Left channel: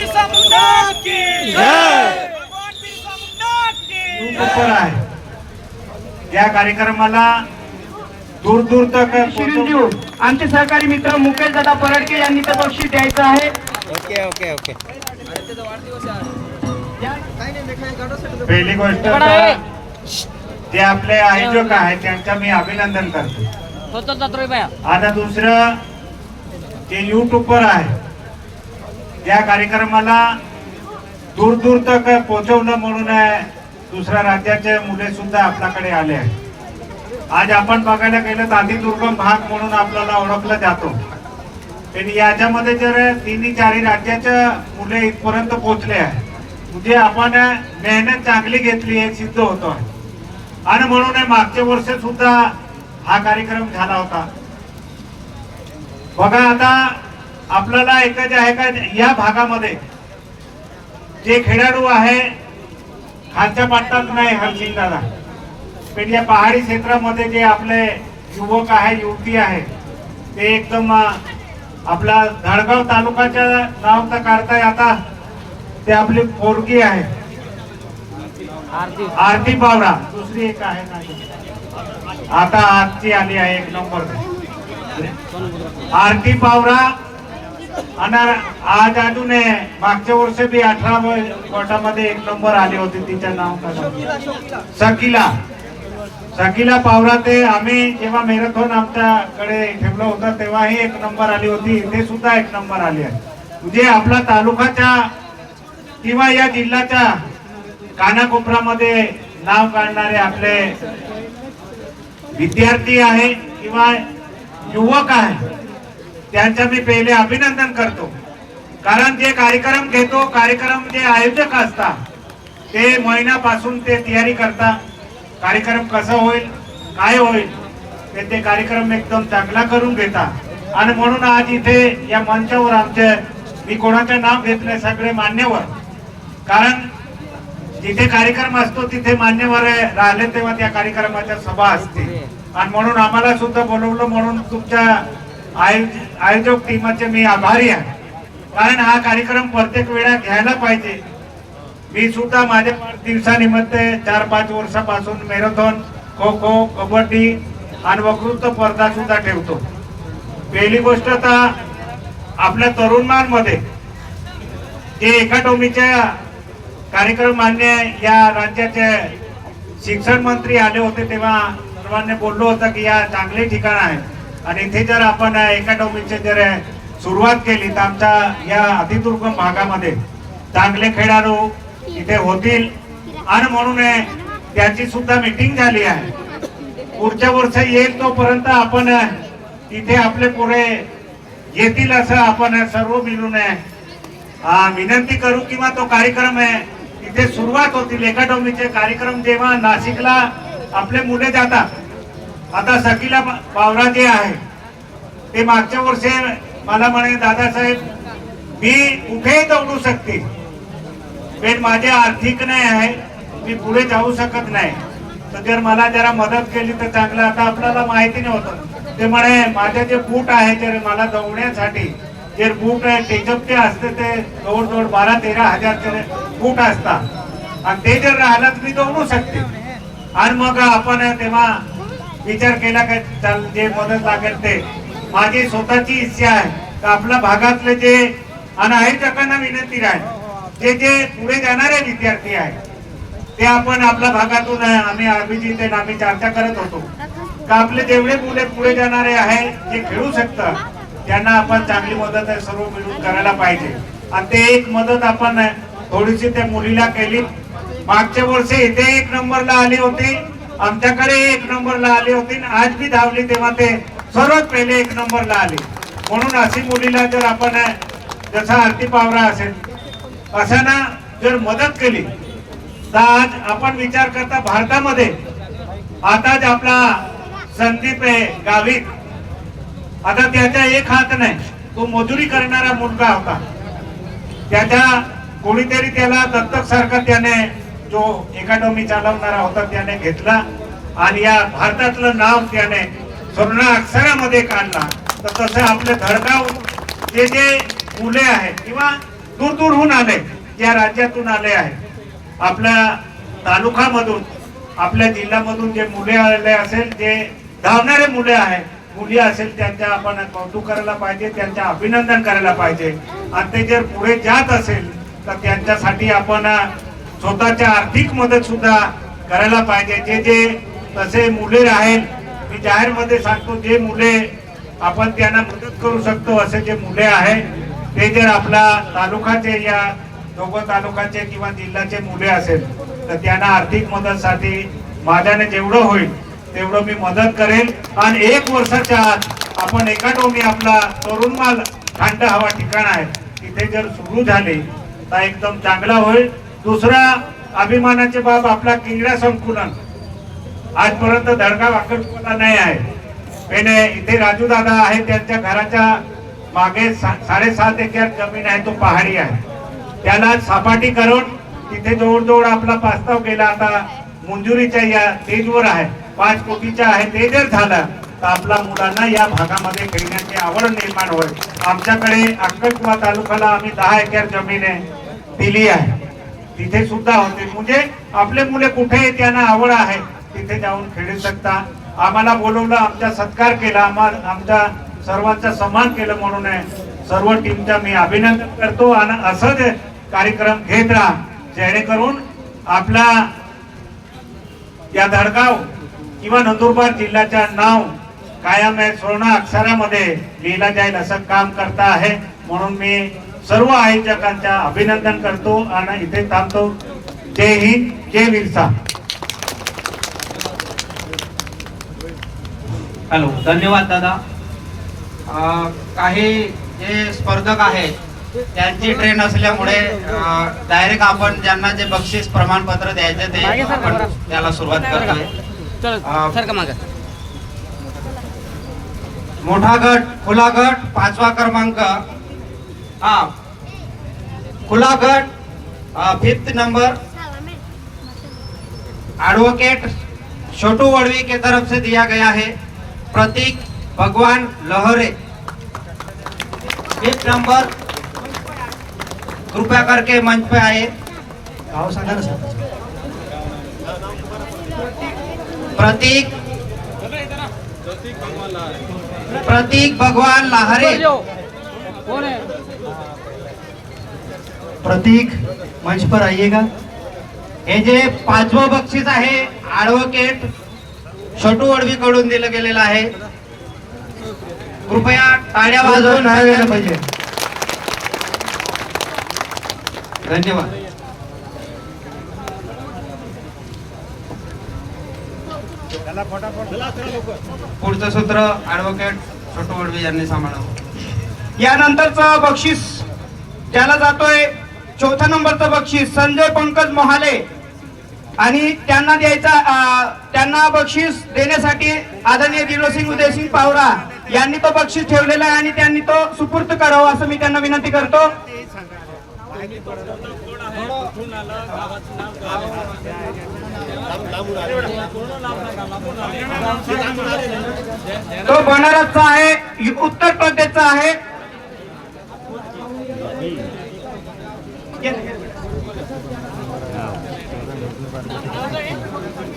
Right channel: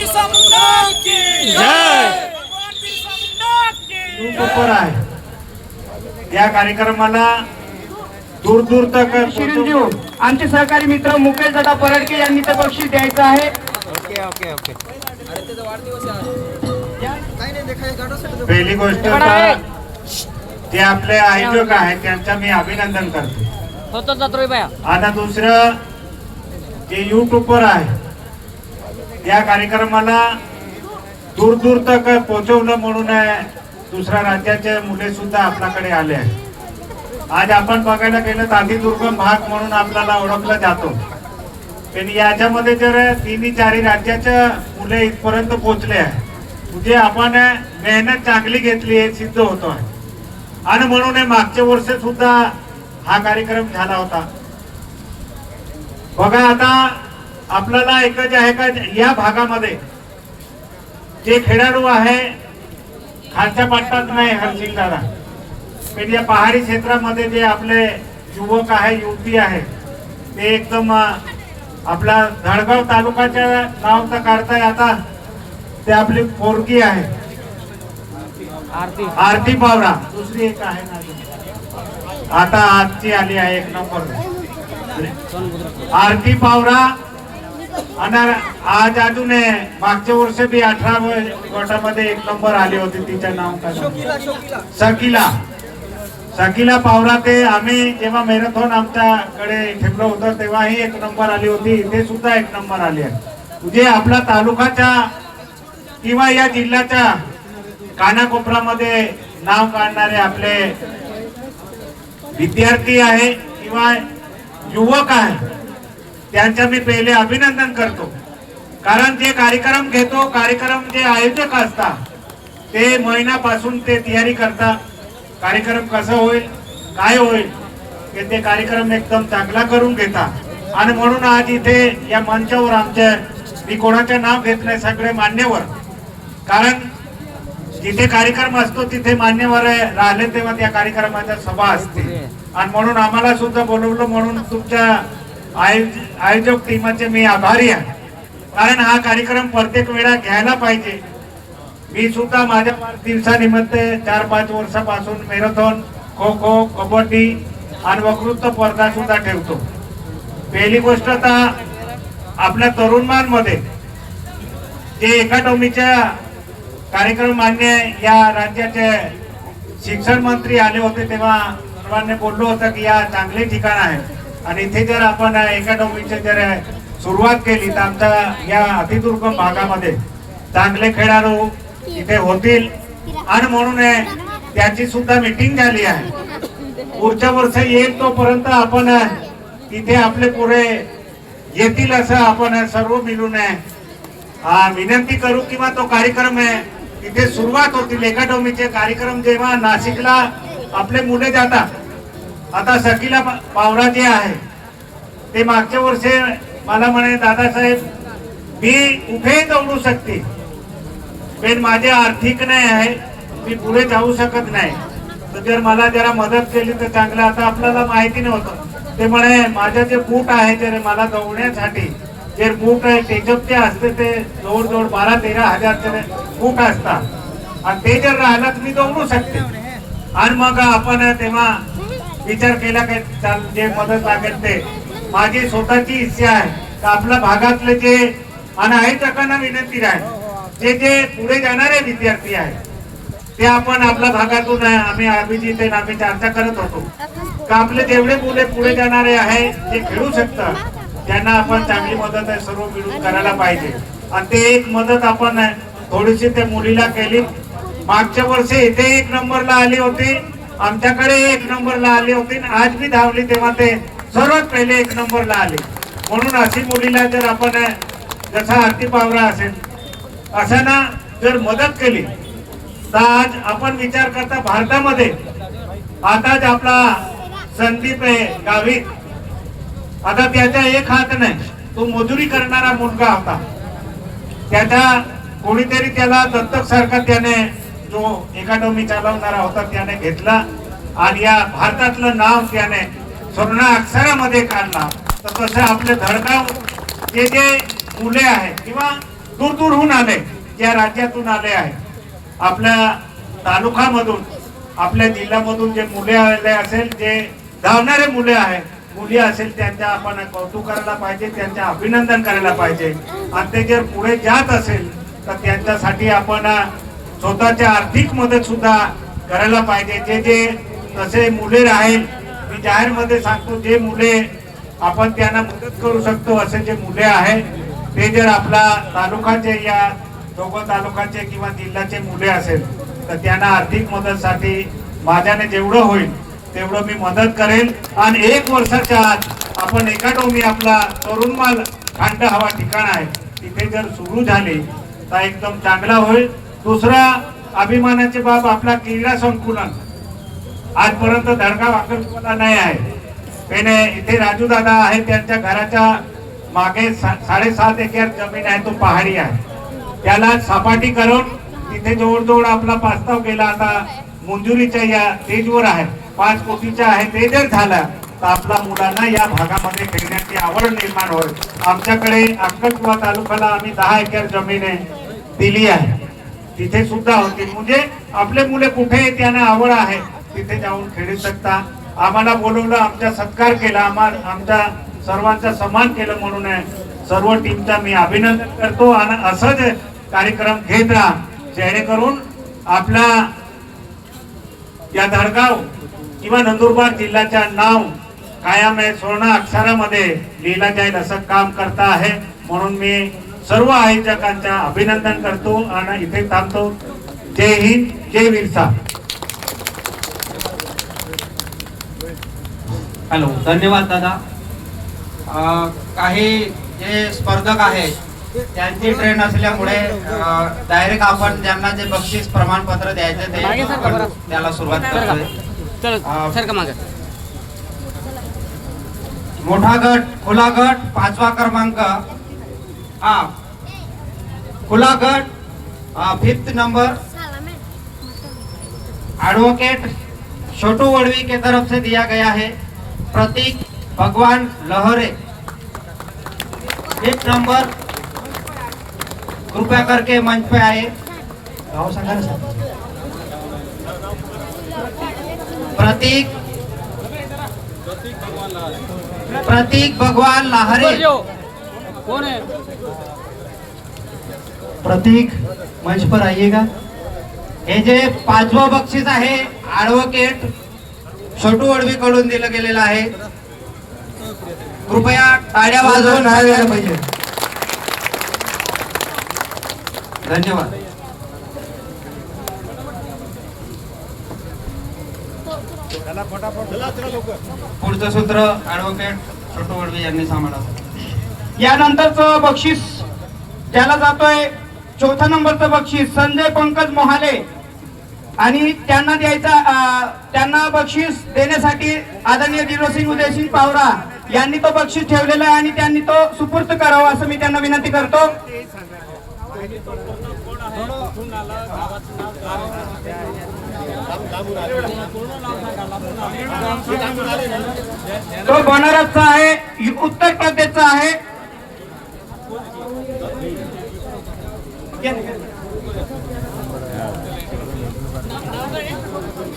बिरसा मुंडा की जय, भगवान बिरसा मुंडा की आहे। या कार्यक्रमाला दूर दूर तक शिरींदेऊ आमचे सहकारी मित्र मुकेश दादा परडके यांनी ते बक्षीस द्यायचं आहे। Okay okay okay. पहिली गोष्ट तर जे आपले आयोजक आहेत त्यांचा मी अभिनंदन करतो। आणि दुसरं जे युट्यूबर आहे या कार्यक्रमाला दूर दूर तक पोहोचवलं म्हणून दुसऱ्या राज्याचे मुले सुद्धा आपल्याकडे आले आहेत। आज आपण बघायला गेलं तर अतिदुर्गम भाग म्हणून आपल्याला ओळखला जातो, पण याच्यामध्ये जर तिन्ही चारही राज्याच्या मुले इथपर्यंत पोहोचले आहे म्हणजे आपण मेहनत चांगली घेतली हे सिद्ध होतो आहे। आणि म्हणून मागच्या वर्षी सुद्धा हा कार्यक्रम झाला होता। बघा आता आपल्याला एकच आहे का या भागामध्ये जे खेळाडू आहे खालच्या पट्टात नाही हरसिंगाला, पण या पहाडी क्षेत्रामध्ये जे आपले युवक आहे युवती आहे ते एकदम आपला धडगाव तालुक्याच्या नाव तर काढताय। आता ते आपली पोरगी आहे आरती पावरा, दुसरी एक आहे ना आता आजची आली आहे एक नंबर आरती पावरा। आणि आज अजून मागच्या वर्षी बी 18 गटामध्ये एक नंबर आली होती, तिचं नाव काय शकीला पावरा। ते आम्ही जेव्हा मॅरेथॉन आमच्याकडे ठेवलं होतं तेव्हाही एक नंबर आली होती, इथे सुद्धा एक नंबर आली आहे। म्हणजे आपला तालुकाच्या किंवा या जिल्ह्याच्या कानाकोपऱ्यामध्ये नाव काढणारे आपले विद्यार्थी आहे किंवा युवक आहे त्यांचा मी पहिले अभिनंदन करतो। कारण जे कार्यक्रम घेतो, कार्यक्रम जे आयोजक असतात ते महिन्यापासून ते तयारी करतात, कार्यक्रम कसं होईल काय होईल ते कार्यक्रम एकदम चांगला करून घेतात। आणि म्हणून आज इथे या मंचावर आमचे मी कोणाचं नाव घेतलंय सगळे मान्यवर, कारण जिथे कार्यक्रम असतो तिथे मान्यवर राहिले तेव्हा त्या कार्यक्रमाच्या सभा असते। आणि म्हणून आम्हाला सुद्धा बोलवलं म्हणून तुमच्या आयोजक टीमचे मी आभारी आहे, कारण हा कार्यक्रम प्रत्येक वेळा घ्यायला पाहिजे। मी सुद्धा माझ्या वाढदिवसानिमित्त 4-5 वर्षापासून मॅरेथॉन, खो खो, कबड्डी आणि वक्तृत्व स्पर्धा सुद्धा ठेवतो। पहिली गोष्ट तर आपल्या तरुणांमध्ये जे अकॅडमीच्या कार्यक्रम मान्य या राज्याचे शिक्षण मंत्री आले होते तेव्हा सर्वांनी बोललो होतं की या चांगले ठिकाण आहेत आणि इथे जर आपण अकॅडमीची जर सुरुवात केली तर आमच्या या अतिदुर्गम भागामध्ये चांगले खेळाडू इथे होतील। आणि म्हणून त्याची सुद्धा मीटिंग झाली आहे। पुढच्या वर्षी येईल तोपर्यंत आपण इथे आपले पुरे येतील असं आपण सर्व मिळून विनंती करू किंवा तो कार्यक्रम इथे सुरुवात होतील। अकॅडमीचे कार्यक्रम जेव्हा नाशिकला आपले मुले जातात, आता शकीला पावरा जे आहे ते मागच्या वर्षी मला म्हणे दादासाहेब मी कुठेही दौडू शकते पण माझे आर्थिक नाही आहे, मी पुढे जाऊ शकत नाही, तर जर मला जरा मदत केली तर चांगलं। आता आपल्याला माहिती नव्हतं ते म्हणे माझे जे बूट आहे जर मला दौडण्यासाठी जे बूट टेकअपचे असते ते जवळजवळ 12-13 हजारचे बूट असतात आणि ते जर राहिलं तर मी दौडू शकते। आणि मग आपण तेव्हा विचार केला का जे मदत लागेल ते माझी स्वतःची इच्छा आहे तर आपल्या भागातले जे आणि आयोजकांना विनंती आहे जे जे पुढे जाणारे विद्यार्थी आहेत ते आपण आपल्या भागातून आम्ही अभिजित आम्ही चर्चा करत होतो का आपले जेवढे मुले पुढे जाणारे आहे जे खेळू शकतात त्यांना आपण चांगली मदत सर्व मिळून करायला पाहिजे। आणि ते एक मदत आपण थोडीशी त्या मुलीला केली। मागच्या वर्षी इथे 1 नंबरला आली होती, आमच्याकडे 1 नंबरला आली होती, आज भी धावली तेव्हा ते सर्वात पहिले 1 नंबरला आले। म्हणून अशी मुलीला जर आपण जसा आरती पावरा असेल असा ना जर मदत केली तर आज आपण विचार करता भारतामध्ये आताच आपला संदीप गावित, आता त्याचा एक हात नाही, तो मजुरी करणारा मुलगा होता, त्याचा कोणीतरी त्याला दत्तक सारखा त्याने जो अकॅडमी चालवणारा होता त्याने घेतला आणि या भारतातलं नाव त्याने स्वर्ण अक्षरामध्ये काढला। तर तसं आपले धडगाव जे जे मुले आहेत किंवा दूर दूरहून आले, या राज्यातून आले आहेत, आपल्या तालुक्यामधून आपल्या जिल्ह्यामधून जे मुले आले असेल, जे धावणारे मुले आहेत, मुली असेल, त्यांच्या आपण कौतुक करायला पाहिजे, त्यांचं अभिनंदन करायला पाहिजे. आणि ते जर पुढे जात असेल तर त्यांच्यासाठी आपण स्वतःची आर्थिक मदत सुद्धा करायला पाहिजे. जे जे तसे मुले राहील, मी जाहीर मध्ये सांगतो, जे मुले आपण त्यांना मदत करू शकतो असे जे मुले आहेत, ते जर आपला तालुक्याचे या दोघं तालुक्याचे किंवा जिल्ह्याचे मुले असेल तर त्यांना आर्थिक मदतसाठी माझ्याने जेवढं होईल तेवढं मी मदत करेल. आणि 1 वर्षाच्या आत आपण एकाडमी आपला तरुणमाल थंड हवा ठिकाण आहे तिथे जर सुरू झाली तर एकदम चांगला होईल. दुसरा अभिमानाची बाब आपला क्रीडा संकुलन आजपर्यंत धडका वाकरला नाही आहे. पण इथे राजू दादा आहे, त्यांच्या घराच्या मागे 7.5 एकर जमीन आहे, तो पहाडी आहे, त्याला सपाटी करून तिथे जवळजवळ आपला प्रस्ताव गेला, आता मंजुरीच्या या स्टेजवर आहे, 5 कोटीचा आहे. ते जर झालं तर आपल्या मुलांना या भागामध्ये खेळण्याची आवड निर्माण होईल. आमच्याकडे अक्कलकुवा तालुक्याला आम्ही 10 एकर जमीन दिली आहे, तिथे सुद्धा होतील. म्हणजे आपले मुले कुठे त्यांना आवड आहे तिथे जाऊन खेळू शकता. आम्हाला बोलवलं, आमचा सत्कार केला, आमच्या सर्वांचा सन्मान केलं, म्हणून सर्व टीमचा मी अभिनंदन करतो. आणि असंच कार्यक्रम घेत राहा जेणेकरून आपला या धडगाव किंवा नंदुरबार जिल्ह्याच्या नाव कायम आहे स्वर्ण अक्षरामध्ये लिहिला जाईल असं काम करता आहे. म्हणून मी सर्व आयोजकांचा अभिनंदन करतो आणि इथे थांबतो. जय हिंद, जय विरसा. हॅलो, धन्यवाद दादा. काही जे स्पर्धक आहेत त्यांची ट्रेन असल्यामुळे डायरेक्ट आपण ज्यांना जे बक्षीस प्रमाणपत्र द्यायचे ते आपण त्याला सुरुवात करतोय. मोठा गट, खुला गट 5वा क्रमांक, खुला गट 5th नंबर एडवोकेट छोटू वड़वी के तरफ से दिया गया है. प्रतीक भगवान लहरे 5th नंबर, कृपया करके मंच पे आए. गाँव सांगा ना सर. प्रतीक भगवान लाहरे. प्रतीक मंच पर आइएगा. हे जे 5वं बक्षीस आहे ॲडव्होकेट छोटू वड़वी कडून दिलं गेलेलं आहे. कृपया टाळ्या वाजवून द्यायला पाहिजे. धन्यवाद. पुढचं सूत्र ॲडव्होकेट छोटू वड़वी यांनी सांभाळावं. यानंतरचं बक्षीस त्याला जातोय 4थ्या नंबरचं बक्षीस संजय पंकज मोहाले. आणि त्यांना बक्षीस देण्यासाठी आदरणीय दिलोसिंग उदयसिंग पावरा यांनी तो बक्षीस ठेवलेला आहे आणि त्यांनी तो सुपूर्द करावा असं मी त्यांना विनंती करतो. तो बनारसचा आहे, उत्तर प्रदेशचा आहे.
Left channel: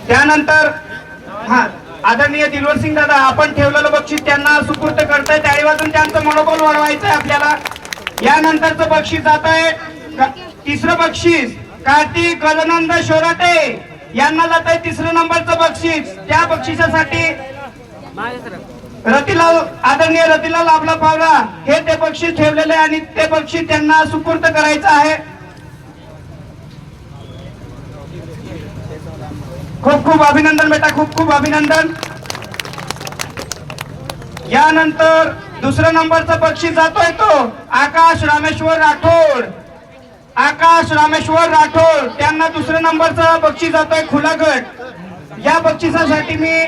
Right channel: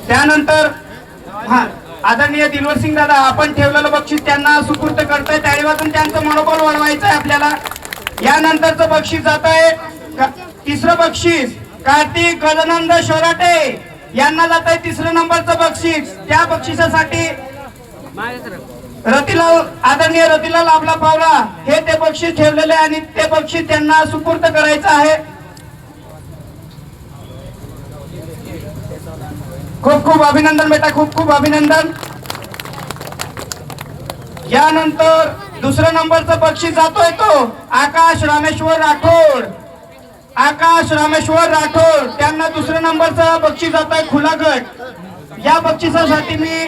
त्यानंतर आदरणीय दिलवरसिंग दादा आपण ठेवलेलं बक्षीस त्यांना सुपूर्द करताय. टाळी वाजून त्यांचं मनोबल वाढवायचं आहे आपल्याला. यानंतरचं बक्षीस जात आहे 3रं बक्षीस कार्तिक गजानंद शोराटे यांना जात आहे 3रं नंबरचं बक्षीस. त्या बक्षिसासाठी रतिलाल आदरणीय रतिलाल आपला पावला हे ते बक्षीस ठेवलेले आणि ते बक्षीस त्यांना सुपूर्द करायचं आहे. खूप खूप अभिनंदन बेटा, खूप खूप अभिनंदन. यानंतर 2ऱ्या नंबरचं बक्षीस जातोय तो आकाश रामेश्वर राठोड. आकाश रामेश्वर राठोड त्यांना 2ऱ्या नंबरचं बक्षीस जातोय खुला गट. या बक्षिसासाठी मी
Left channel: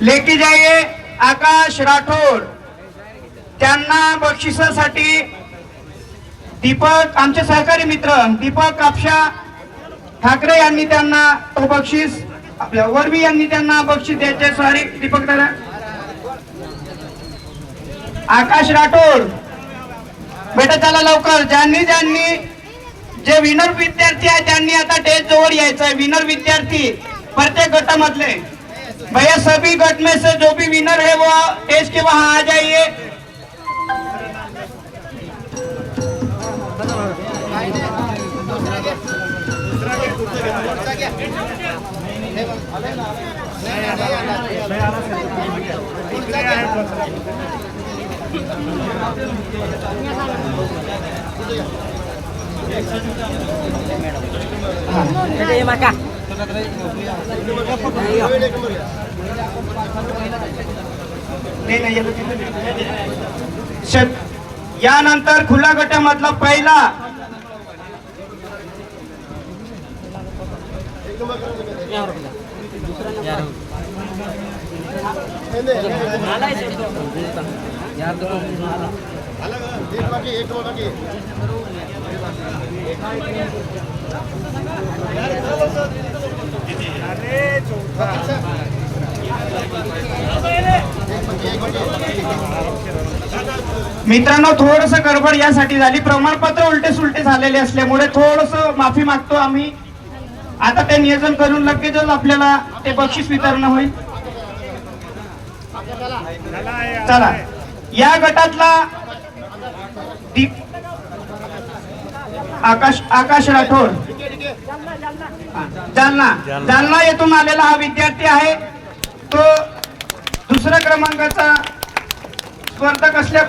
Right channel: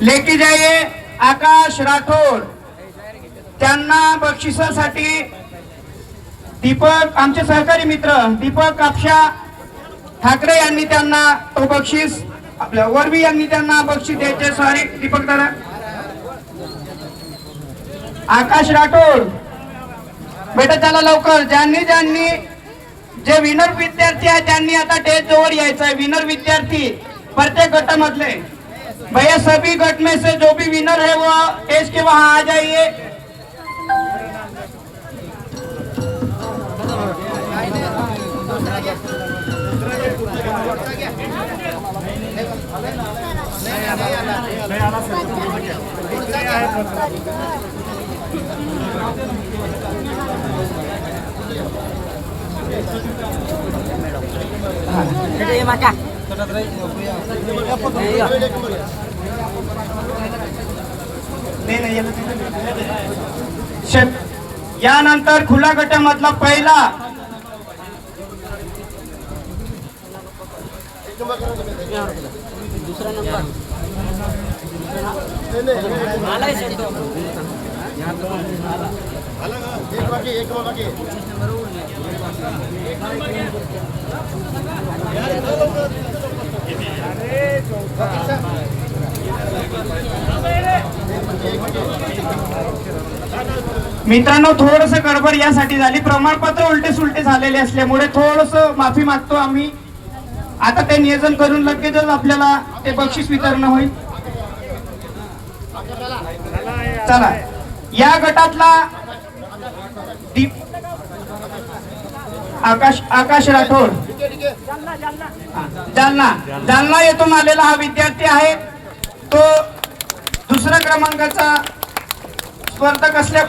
लेके जाइए आकाश राठोड. त्यांना बक्षिसासाठी दीपक आमचे सहकारी मित्र दीपक कापशा ठाकरे यांनी त्यांना तो बक्षीस आपल्या वरवी यांनी त्यांना बक्षीस द्यायचे. सॉरी दीपक दादा. आकाश राठोड बेटा चला लवकर. ज्यांनी जे विनर विद्यार्थी आहे त्यांनी आता स्टेज जवळ यायचंय. विनर विद्यार्थी प्रत्येक गटामधले भैया सभी गट में से जो भी विनर है वो स्टेज के वहां आ जाइए. यानंतर खुला गटामधला पहिला मित्रांनो थोडस गडबड यासाठी झाली. प्रमाणपत्र उलटे सुलटे झालेले असल्यामुळे थोडस माफी मागतो आम्ही. आता ते नियोजन करून लगेचच आपल्याला ते बक्षीस वितरण होईल. चला या गटातला आकाश राठोड जालना येथून आलेला हा विद्यार्थी आहे. तो दुसऱ्या क्रमांकाचा स्पर्धक असल्या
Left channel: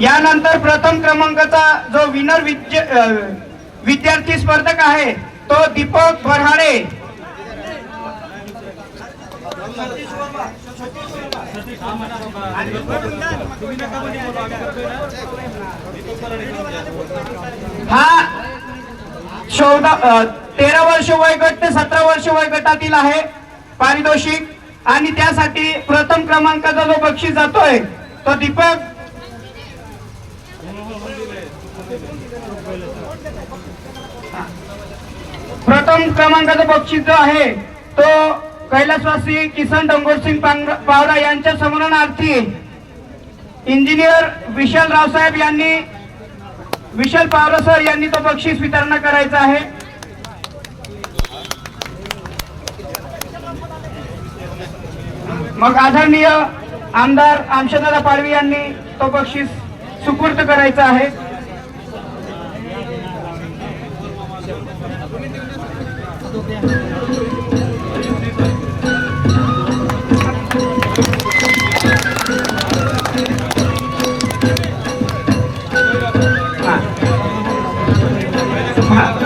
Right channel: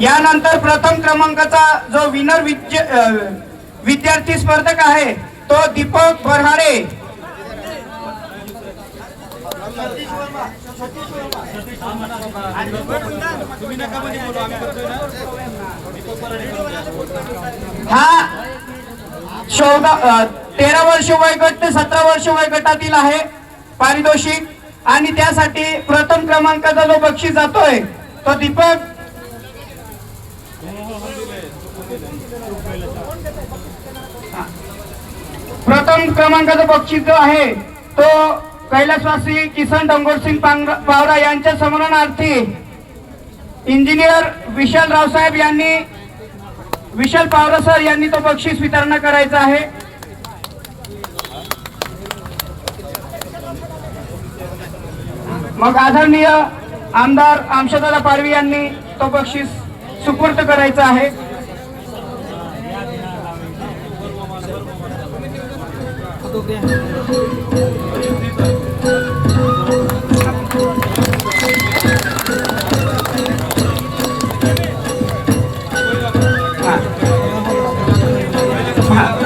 यानंतर प्रथम क्रमांकाचा जो विनर विद्यार्थी स्पर्धक आहे तो दीपक बरहाडे. हा 13 वर्ष वयोगट ते 17 वर्ष वयोगटातील आहे पारितोषिक. आणि त्यासाठी प्रथम क्रमांकाचा जो बक्षीस जातोय तो दीपक प्रथम क्रमांकाचा बक्षीस जो आहे तो कैलासवासी किसन डंगोरसिंग पावरा यांच्या स्मरणार्थी इंजिनियर विशाल रावसाहेब यांनी विशाल पावरा सर यांनी तो बक्षीस वितरण करायचं आहे. मग आदरणीय आमदार आमशादादा पाडवी यांनी तो बक्षीस सुपूर्द करायचा आहे.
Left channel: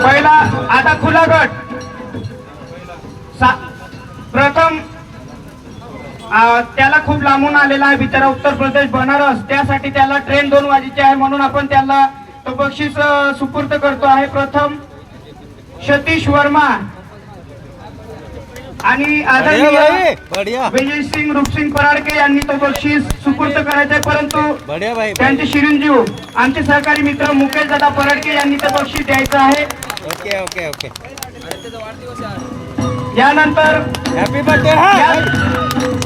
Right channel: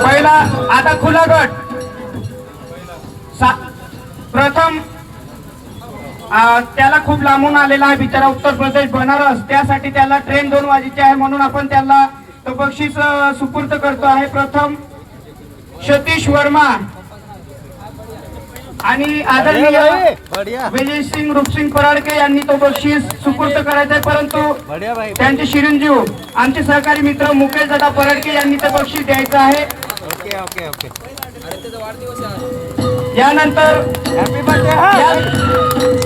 पहिला आता खुला गट प्रथम त्याला खूप लांबून आलेला आहे बिचारा उत्तर प्रदेश बनारस. त्यासाठी त्याला ट्रेन 2 वाजेची आहे म्हणून आपण त्याला तो बक्षीस सुपूर्द करतो आहे. प्रथम सतीश वर्मा आणि आदरणीय विजयसिंग रूपसिंग पराडके यांनी तो बक्षीस सुपूर्द करायचा आहे. परंतु त्यांचे चिरंजीव आमचे सहकारी मित्र मुकेश दादा पराडके यांनी ते बक्षीस द्यायचं आहे. Okay okay okay. यानंतर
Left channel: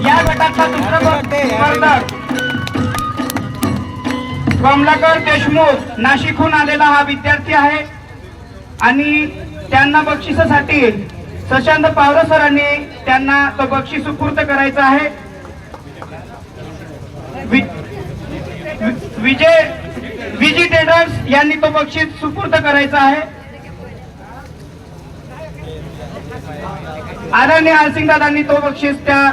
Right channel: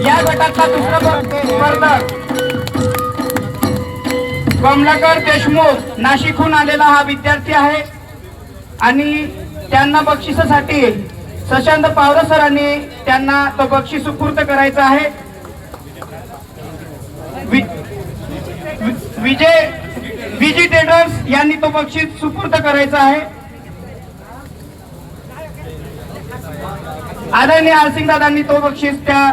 या गटातला दुसरा स्पर्धक कमलाकर देशमुख नाशिकहून आलेला हा विद्यार्थी आहे आणि त्यांना बक्षिसासाठी शशांत पावरा सरांनी त्यांना तो बक्षीस सुपूर्द करायचा आहे. विजय ट्रेडर्स यांनी तो बक्षीस सुपूर्द करायचा आहे. आदरणीय आलसिंग दादांनी तो बक्षीस त्या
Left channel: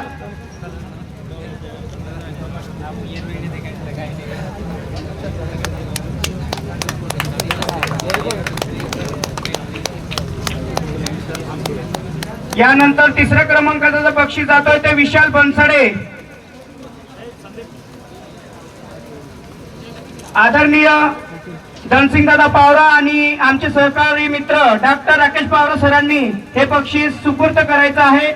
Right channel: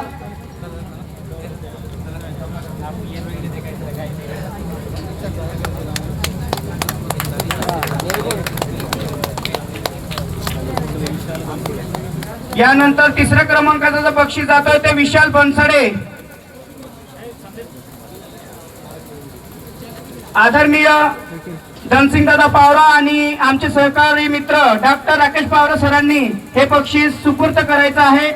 यानंतर तिसऱ्या क्रमांकाचा जो बक्षीस जातोय ते विशाल बनसडे. आदरणीय धनसिंग दादा पावरा आणि आमचे सहकारी मित्र डॉक्टर राकेश पावरा सरांनी हे बक्षीस सुपूर्द करायचं आहे.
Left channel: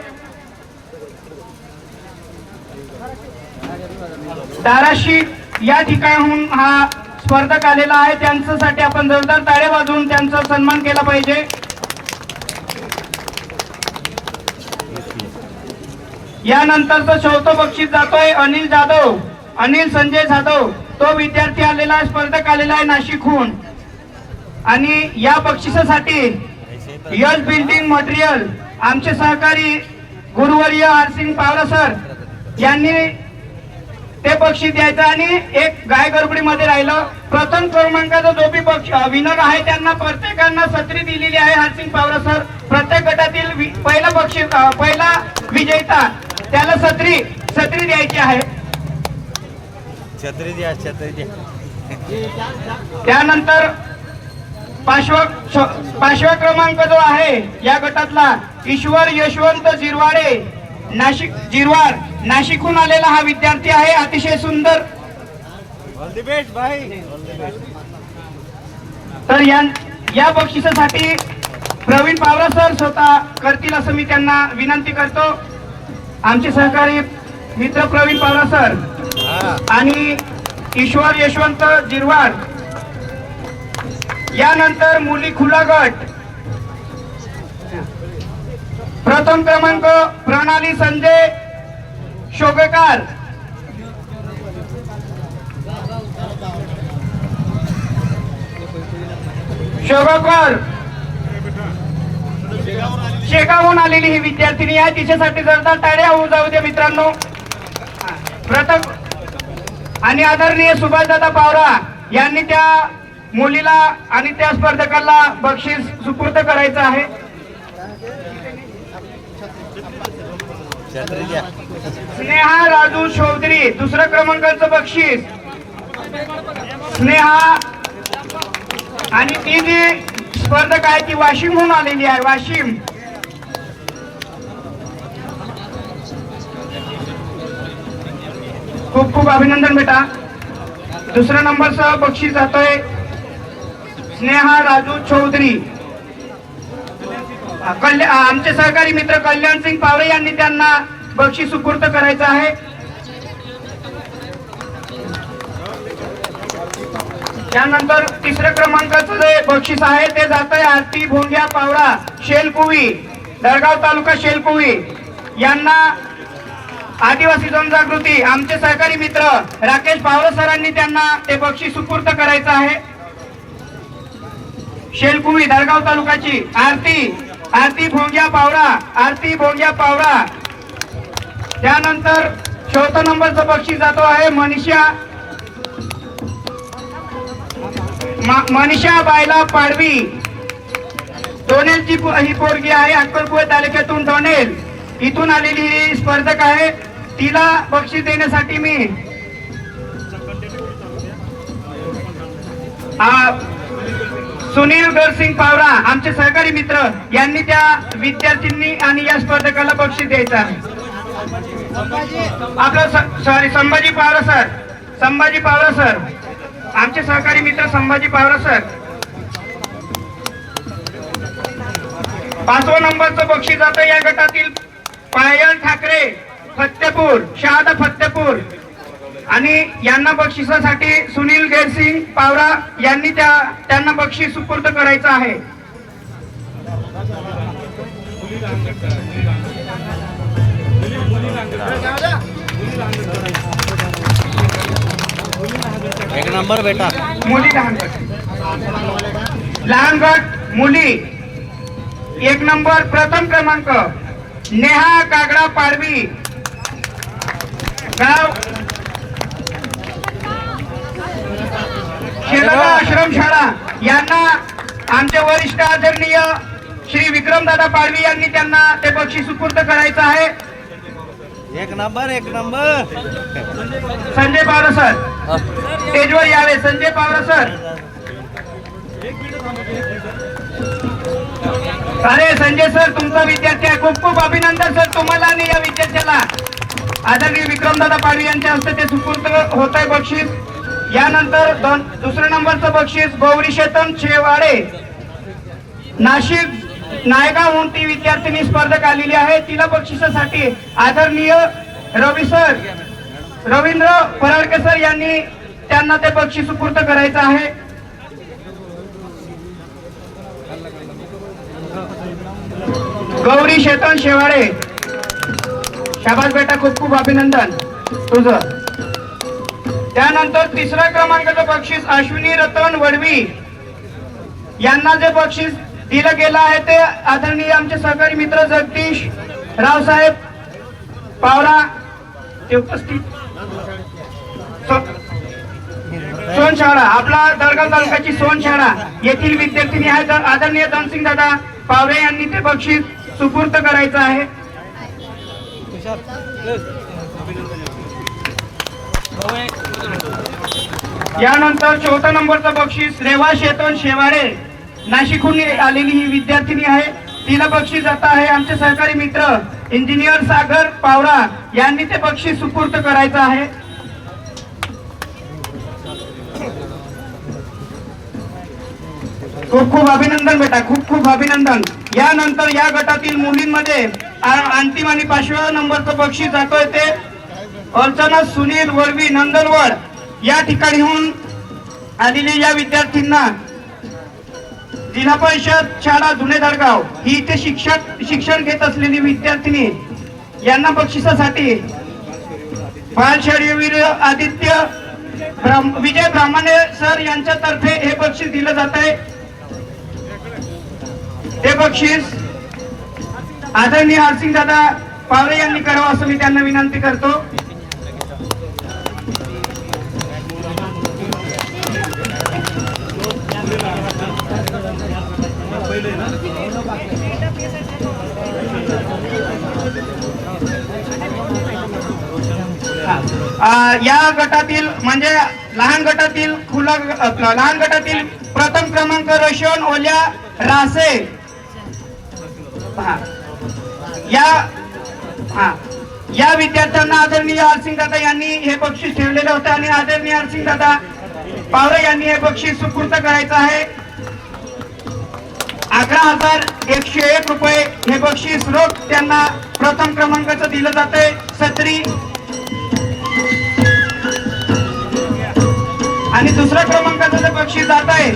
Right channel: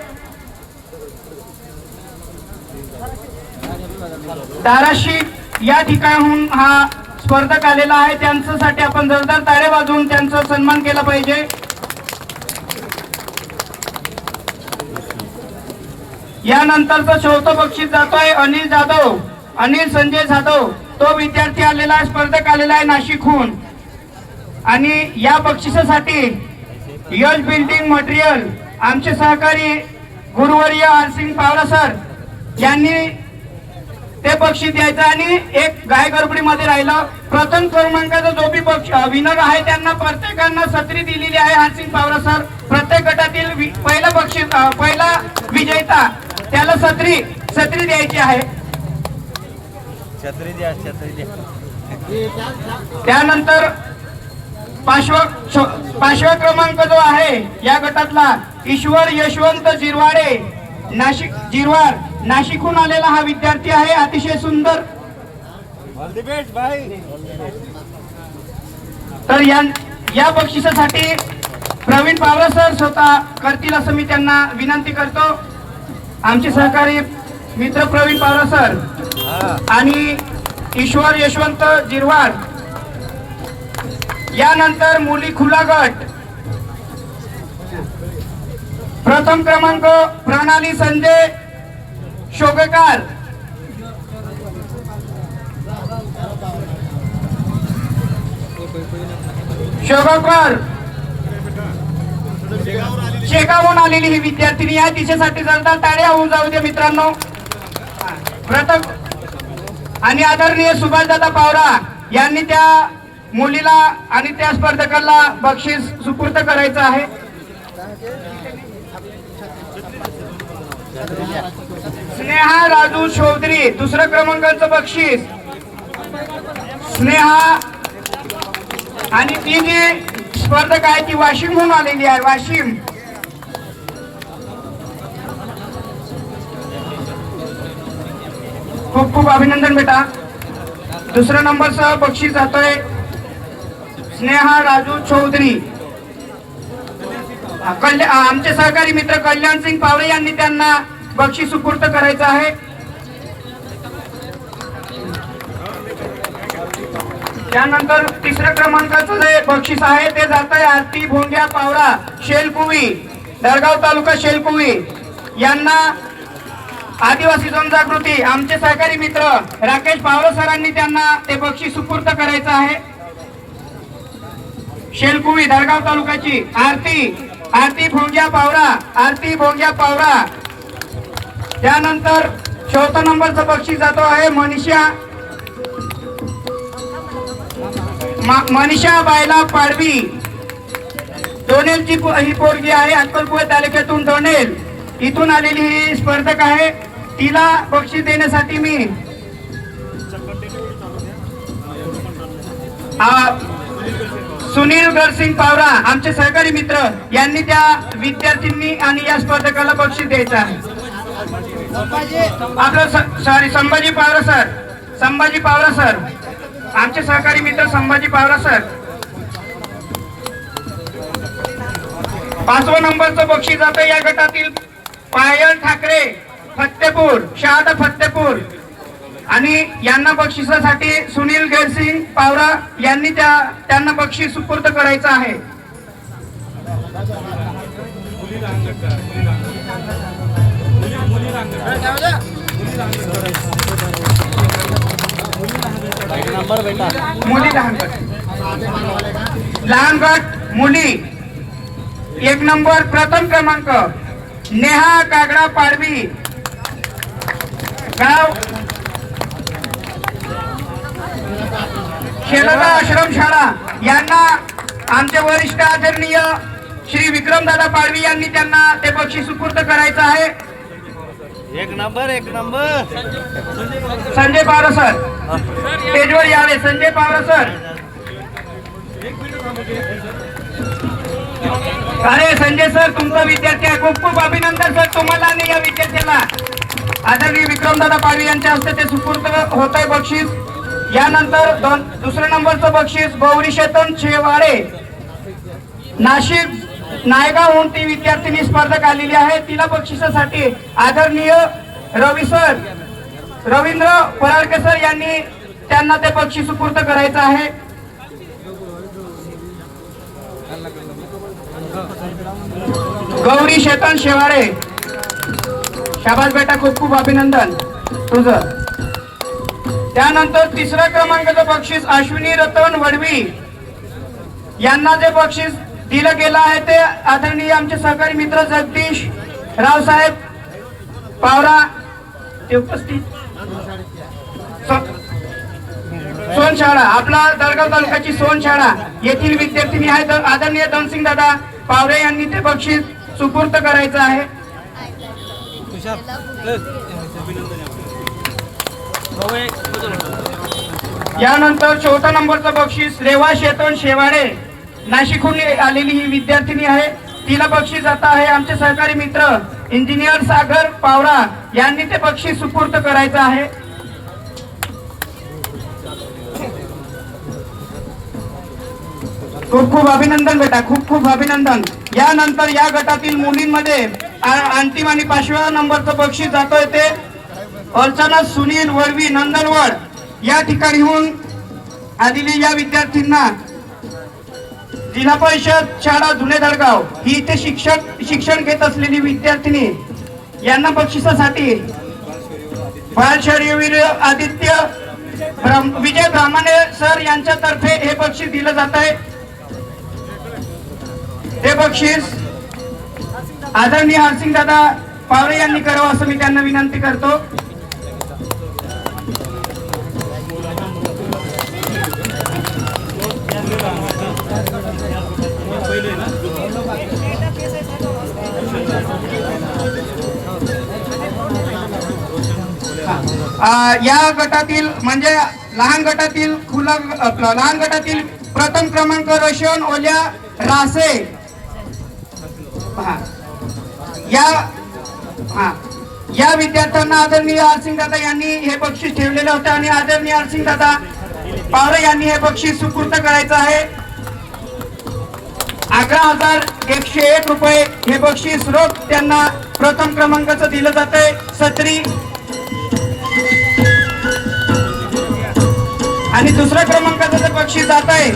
धाराशिव या ठिकाणहून हा स्पर्धक आलेला आहे, त्यांच्यासाठी आपण जोरदार टाळ्या वाजवून त्यांचा सन्मान केला पाहिजे. यानंतरचं चौथं बक्षीस जातोय अनिल जाधव, अनिल संजय जाधव. तो विद्यार्थी आलेला आहे, स्पर्धक आलेला आहे नाशिकहून. आणि या बक्षिसासाठी यश बिल्डिंग मटेरियल आमचे सहकारी गुरुवर्य हरसिंग पावरा सर यांनी ते बक्षीस द्यायचं. आणि एक गाय गडबडीमध्ये राहिलं. प्रथम क्रमांकाचा जो बी विनर आहे त्यांना प्रत्येकांना छत्री दिलेली आहे हरसिंग पावरा सर. प्रत्येक गटातील पहिला बक्षीस पहिला विजेता त्याला छत्री द्यायची आहे. छत्री द्या, छत्री द्या. त्यानंतर पाचवा क्रमांक जो आहे या गटातला ईश्वर यशवंत जिरवाडे नाशिकहून आलेला हा विद्यार्थी आहे. अतिशय सुंदर. ऑल द बेस्ट भाई. तर या बक्षिसासाठी प्रवीण पावरा सर स्वतः करतील असं मी त्यांना विनंती करतो. आमचे सहकारी मित्र प्रवीण पावरा सर आणि ईश्वर यशवंत जिरवाड. यानंतर मुली खुला गट प्रथम क्रमांक प्रणाली संजय शोगेकर. शेगावहून आलेली ही विद्यार्थिनी आहे. तिच्यासाठी जोरदार टाळ्या होऊ जाऊ दे मित्रांनो. प्रथम आणि आदरणीय सुभाषदादा पावरा यांनी त्या मुलीला आणि त्या स्पर्धकाला बक्षीस सुपूर्द करायचं आहे. स्नेहा राजू चौधरी दुसऱ्या क्रमांकाचं बक्षीस. स्नेहा आणि ती जी स्पर्धक आहे ती वाशिमहून आलेली आहे. वाशिम. खूप खूप अभिनंदन बेटा. दुसऱ्या नंबरचं बक्षीस जातोय स्नेहा राजू चौधरी. आमचे सहकारी मित्र कल्याण सिंग पावरे यांनी त्यांना बक्षीस सुपूर्द करायचं आहे. त्यानंतर तिसऱ्या क्रमांकाचं जे बक्षीस आहे ते जात आहे आरती भोंग्या पावरा शेलकुवी दळगाव तालुका शेलकुवी यांना आदिवासी जनजागृती आमचे सहकारी मित्र राकेश पावरा सरांनी त्यांना ते बक्षीस सुपूर्द करायचं आहे. शेलकुवी दळगाव तालुक्याची आरती भोंग्या पावरा. त्यानंतर चौथ्या नंबरचं बक्षीस जातो आहे मनीषा बायला पाडवी. डोनेलची ही पोरगी आहे. अक्कलकुवा तालुक्यातून डोनेल इथून आलेली ही स्पर्धक आहे. तिला बक्षीस देण्यासाठी मी सुनील गरसिंग पावरा आमचे सहकारी मित्र यांनी त्या विद्यार्थ्यांनी आणि या स्पर्धकाला बक्षीस द्यायचं आहे. आपला संभाजी पावरा सर आमचे सहकारी मित्र संभाजी पावरा सर. 5व्या नंबरचं बक्षीस जातं या गटातील पायल ठाकरे शहादा फत्तेपूर आणि यांना बक्षिसासाठी सुनील गैरसिंग पावरा यांनी त्यांना बक्षीस सुपूर्द करायचं आहे. एक नंबर बेटा. मुली लहान गट मुली 1 नंबर प्रथम क्रमांक नेहा कागडा पाडवी गाव शेलादा आश्रमशाळा. यांना आमचे वरिष्ठ आदरणीय श्री विक्रमदादा पाडवी यांनी त्यांना ते बक्षीस सुपूर्द करायचं आहे. एक नंबर. संजय पावरा सर स्टेजवर यावे. संजय पावरा सर. अरे संजय सर तुमचा विद्यार्थी आहे. खूप खूप अभिनंदन सर तुम्हाला आणि या विद्यार्थ्याला. आदरणीय विक्रमदादा पाडवी यांच्या हस्ते ते सुपूर्द होत आहे बक्षीस. यानंतर दुसऱ्या नंबरचं बक्षीस गौरी शेतन शेवाडे नाशिक नायगावहून ती विद्यार्थिनी स्पर्धक आलेली आहे. तिला बक्षिसासाठी आदरणीय रवींद्र पराडके सर यांनी त्यांना ते बक्षीस सुपूर्द करायचं आहे. गौरी शेतन शेवाळे, शाबास बेटा, खूप खूप अभिनंदन तुझं. त्यानंतर तिसऱ्या क्रमांकाचं बक्षीस अश्विनी रतन वडवी यांना जे बक्षीस दिलं गेलं आहे ते आदरणीय आमचे सहकारी मित्र जगदीश रावसाहेब पावरा ते उपस्थित. सोनशाळा, आपला दळगाव तालुक्याची सोनशाळा येथील विद्यार्थिनी आहेत आदरणीय धनसिंग दादा पावरे यांनी ते बक्षीस सुपूर्द करायचं आहे. यानंतर 4था नंबरचं बक्षीस रेवा शेतन शेवाळे, नाशिकहून आलेली ही विद्यार्थिनी आहे. तिला बक्षीस जात आहे आमचे सहकारी मित्र इंजिनियर सागर पावरा यांनी ते बक्षीस सुपूर्द करायचं आहे. खूप खूप अभिनंदन बेटा, खूप खूप अभिनंदन. यानंतर या गटातील मुलींमध्ये अंतिम आणि 5व्या नंबरचं बक्षीस जातोय ते अर्चना सुनील वरवी नंदनवड या ठिकाणीहून आलेली या विद्यार्थ्यांना जिल्हा परिषद शाळा जुने दळगाव ही इथे शिक्षण घेत असलेली विद्यार्थिनी यांना बक्षिसासाठी बालशौर्यवीर आदित्य विजय ब्राह्मणे सर यांच्यातर्फे हे बक्षीस दिलं जात आहे. ते बक्षीस आदरणीय हरसिंग दादा पावरे यांनी करावं असं मी त्यांना विनंती करतो. या गटातील म्हणजे लहान गटातील लहान गटातील प्रथम क्रमांक रोशन ओल्या रासे या विद्यार्थ्यांना आदरणीय हरसिंग दादा यांनी हे बक्षीस ठेवलेलं होतं आणि आदरणीय हरसिंग दादा पावरे यांनी हे बक्षीस सुपूर्द करायचं आहे. 11,101 रुपये हे बक्षीस रोख त्यांना प्रथम क्रमांकाचं दिलं जातंय. सत्री आणि दुसऱ्या क्रमांकाचं जे बक्षीस जात आहे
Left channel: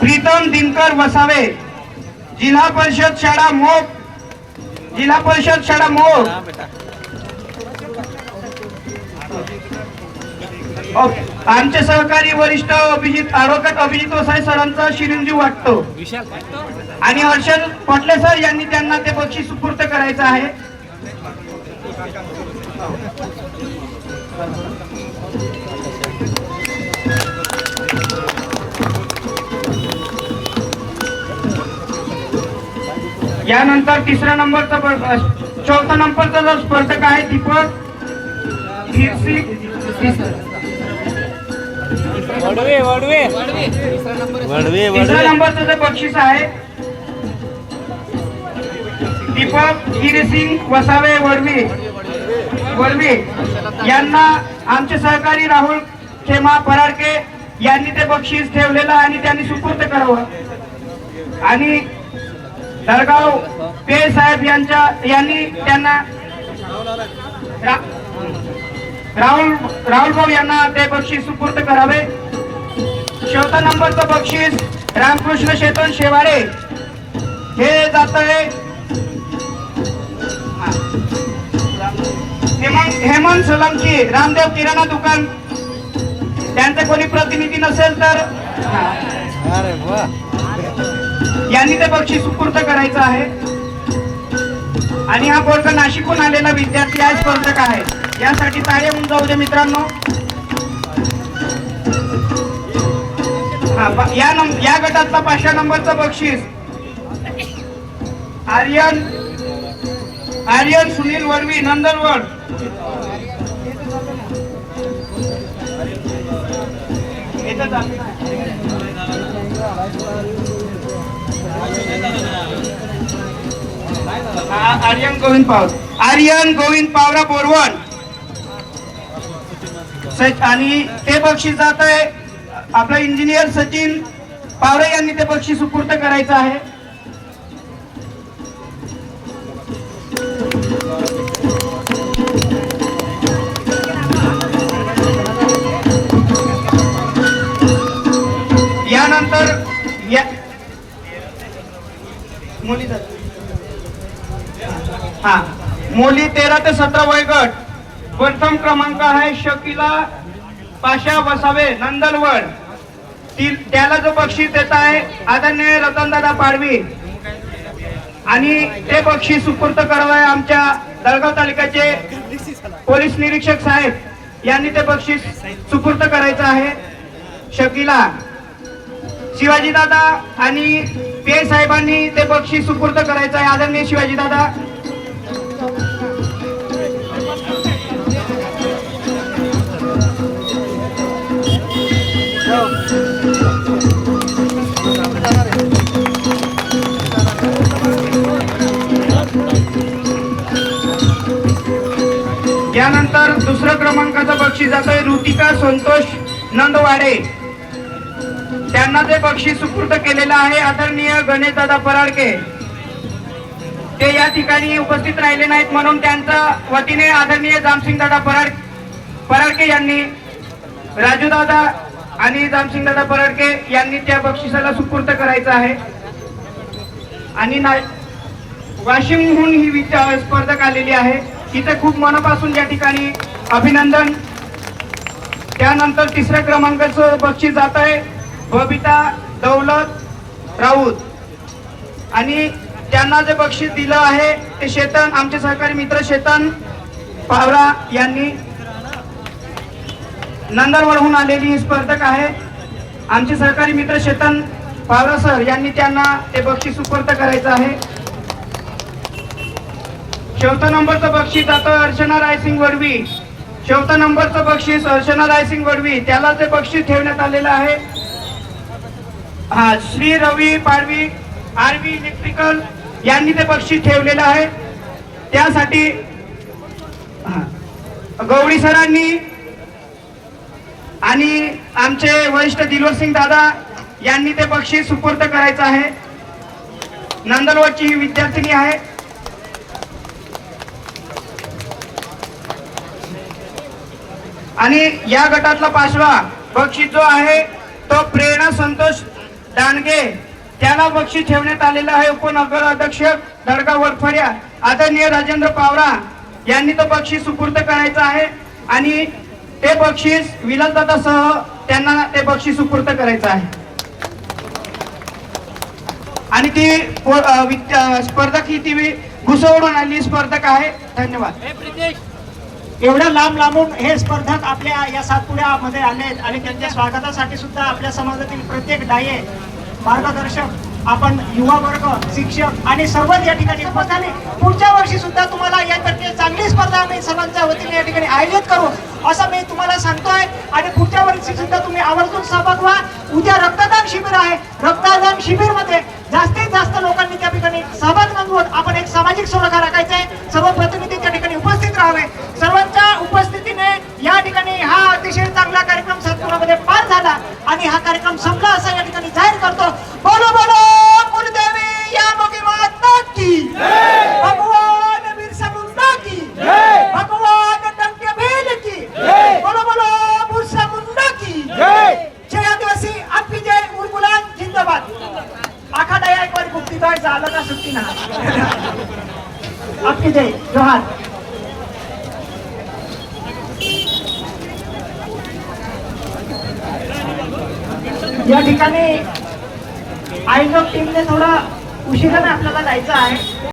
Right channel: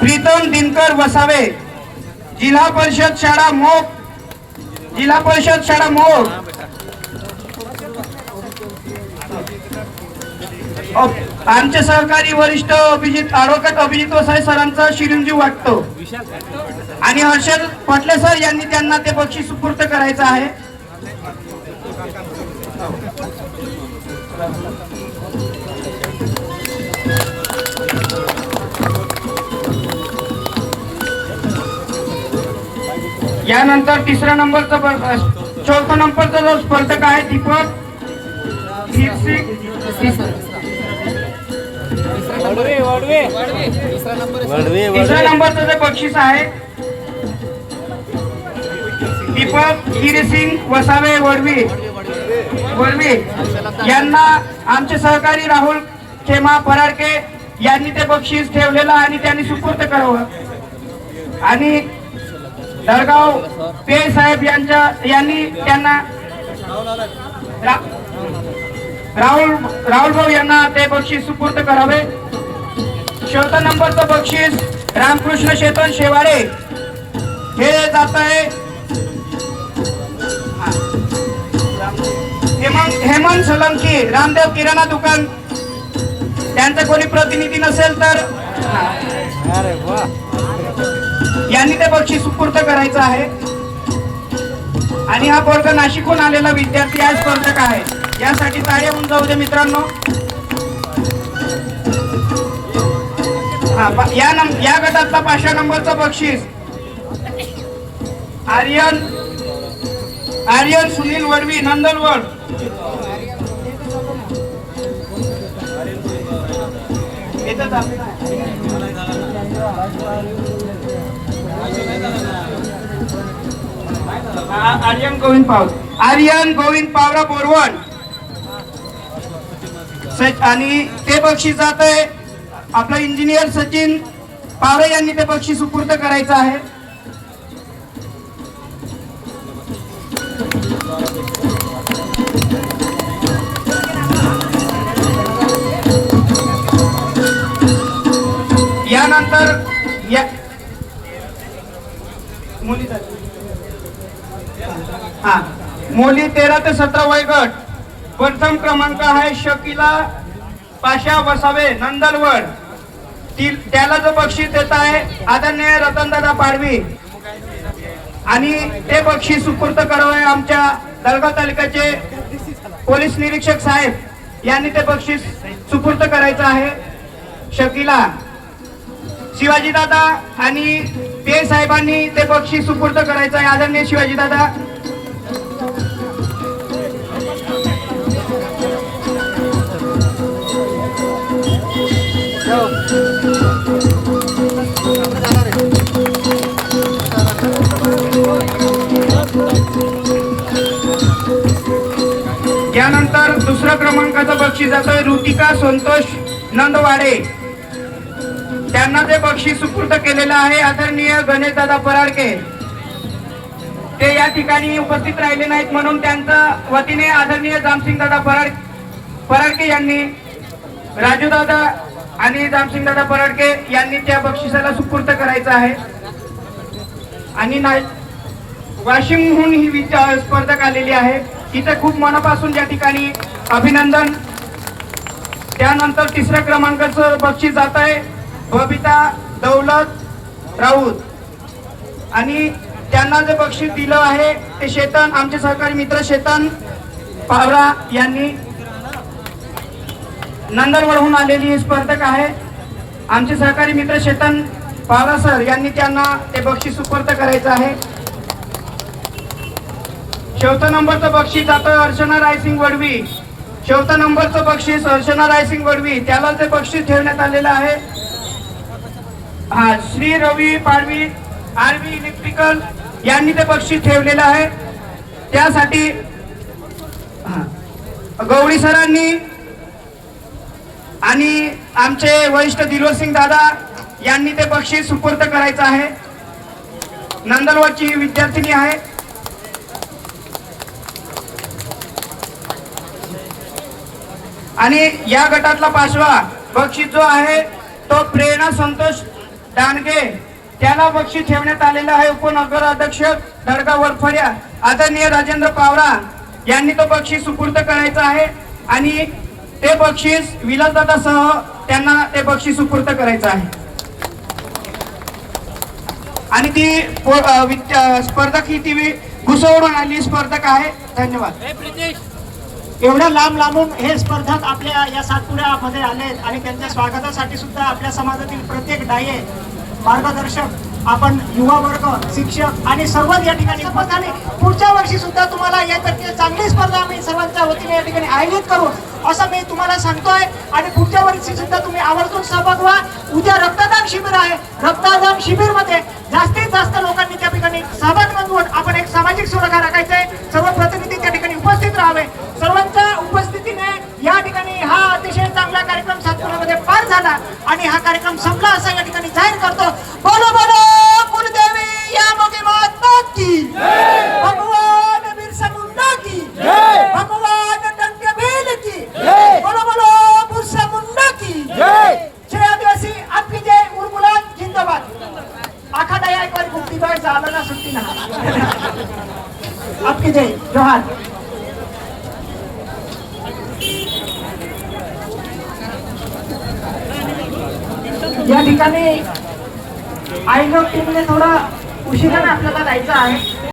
प्रीतम दिनकर वसावे, जिल्हा परिषद शाळा मोग आमचे सहकारी वरिष्ठ ॲडव्होकेट अभिजित वसावे सरांचा शिरींजी वाटतो आणि हर्षद पटले सर यांनी त्यांना ते बक्षीस सुपूर्द करायचं आहे. यानंतर 4थ्या नंबरचा जो स्पर्धक आहे दीपक तिसऱ्या नंबरचं जे बक्षीस आहे दीपक गिरीसिंग वसावे वडवी यांना आमचे सहकारी राहुल खेमा पराडके यांनी ते बक्षीस ठेवलेलं आणि त्यांनी सुपूर्द करावं. आणि दळगाव पे साहेब यांनी त्यांना राहुल भाऊ यांना ते बक्षीस सुपूर्द करावे. 4था नंबरचं बक्षीस रामकृष्ण शेतन शेवाळे हे जात आहे हेमंत सोलंकी रामदेव किराणा दुकान. त्यांचं कोणी प्रतिनिधी नसेल तर यांनी ते बक्षीस सुपूर्द करायचं आहे. आणि हा वर्ग नाशिकहून आलेला विद्यार्थी हा स्पर्धक आहे. यासाठी टाळ्या होऊन जाऊ दे मित्रांनो. या गटातला 5व्या नंबरचं बक्षीस आर्यन सुनील वडवी नंदनवड. आर्यन गोविंद पावरा बोरवण आणि ते बक्षीस जात आहे आपलं इंजिनियर सचिन पावरे यांनी ते बक्षीस सुपूर्द करायचं आहे. यानंतर या मुली हा मुली 13 ते 17 वयोगट प्रथम क्रमांक आहे शकीला पाशा वसावे नंदलवड. त्याला जो बक्षीस देत आहे आदरणीय रतनदादा पाडवी आणि ते बक्षीस सुपूर्द करावे आमच्या दळगाव तालुक्याचे पोलीस निरीक्षक साहेब यांनी ते बक्षीस सुपूर्द करायचं आहे. शकीला शिवाजी दादा आणि पे साहेबांनी ते बक्षीस सुपूर्द करायचं आहे. आदरणीय शिवाजी दादा. यानंतर दुसऱ्या क्रमांकाचं बक्षीस जातोय ऋतिका संतोष नंदवाडे. त्यांना जे बक्षीस सुपूर्द केलेलं आहे आदरणीय गणेशदादा पराडके. ते या ठिकाणी उपस्थित राहिले नाहीत म्हणून त्यांच्या वतीने आदरणीय जामसिंगदादा पराडके यांनी राजूदादा आणि जामसिंगदादा पराडके यांनी त्या बक्षिसाला सुपूर्द करायचं आहे. आणि वाशिमहून ही स्पर्धक आलेली आहे. तिथे खूप मनापासून या ठिकाणी अभिनंदन. त्यानंतर तिसऱ्या क्रमांकाचं बक्षीस जात आहे बबिता दौलत राऊत आणि त्यांना जे बक्षीस दिलं आहे ते शेतन आमचे सहकारी मित्र शेतन पावरा यांनी नंदनवरहून आलेली ही स्पर्धक आहे. आमचे सहकारी मित्र शेतन पावरा सर यांनी त्यांना ते बक्षीस सुपूर्द करायचं आहे. चौथा नंबरचं बक्षीस जातं अर्चना रायसिंग वडवी. चौथा नंबरचं बक्षीस अर्चना रायसिंग वडवी त्याला ते बक्षीस ठेवण्यात आलेलं आहे. श्री रवी पाडवी आरवी इलेक्ट्रिकल यांनी ते बक्षीस ठेवलेलं आहे. त्यासाठी गवडी सरांनी आणि आमचे वरिष्ठ दिलवर सिंग दादा यांनी ते बक्षीस सुपूर्द करायचं आहे. नंदनवरची ही विद्यार्थिनी आहे. आणि या गटातला 5वा बक्षीस जो आहे तो प्रेरणा संतोष दानगे त्याला बक्षीस ठेवण्यात आलेलं आहे. उपनगर अध्यक्ष दळगाव वरफड्या आदरणीय राजेंद्र पावरा यांनी तो बक्षीस सुपूर्द करायचं आहे. आणि ते बक्षीस विलासदादासह त्यांना ते बक्षीस सुपूर्द करायचं आहे. आणि ती स्पर्धक ही ती घुसवून आलेली स्पर्धक आहे. धन्यवाद. एवढ्या लांबून हे स्पर्धक आपल्या या सातपुड्यामध्ये आले आणि त्यांच्या स्वागतासाठी सुद्धा आपल्या समाजातील प्रत्येक डाये मार्गदर्शक आपण युवा वर्ग शिक्षक आणि सर्वच या ठिकाणी उपस्थित झाले. पुढच्या वर्षी सुद्धा तुम्हाला यासाठी चांगली स्पर्धा आम्ही सर्वांच्या वतीने या ठिकाणी आयोजित करू असं मी तुम्हाला सांगतोय. आणि पुढच्या वर्षी सुद्धा तुम्ही आवर्जून सहभाग व्हा. उद्या रक्तदान शिबिर आहे. रक्तदान शिबिर मध्ये जास्तीत जास्त लोकांनी त्या ठिकाणी सहभाग नोंदवून आपण एक सामाजिक सुरक्षा राखायचा आहे. सर्व प्रतिनिधी त्या ठिकाणी उपस्थित राहावे. सर्वांच्या उपस्थितीने या ठिकाणी हा अतिशय चांगला कार्यक्रम सातपुरामध्ये पार झाला आणि हा कार्यक्रम संपला असं या ठिकाणी जाहीर करतो. बोलो बोलो कुलदेवी या मोगी माता की भगवान बिरसा मुंडा की भगवान टंकेबील की बोलो बोलो बिरसा मुंडा की जय आदिवासी आपकी जय. उर्मुलान जिंदाबाद. आखाडा या एक बार गुप्ती बाग झाला ना सुट्टी ना आपकी जय. जोहार. या ठिकाणी आयोजक टीमने थोडा उशिराने आपल्याला जायचं आहे.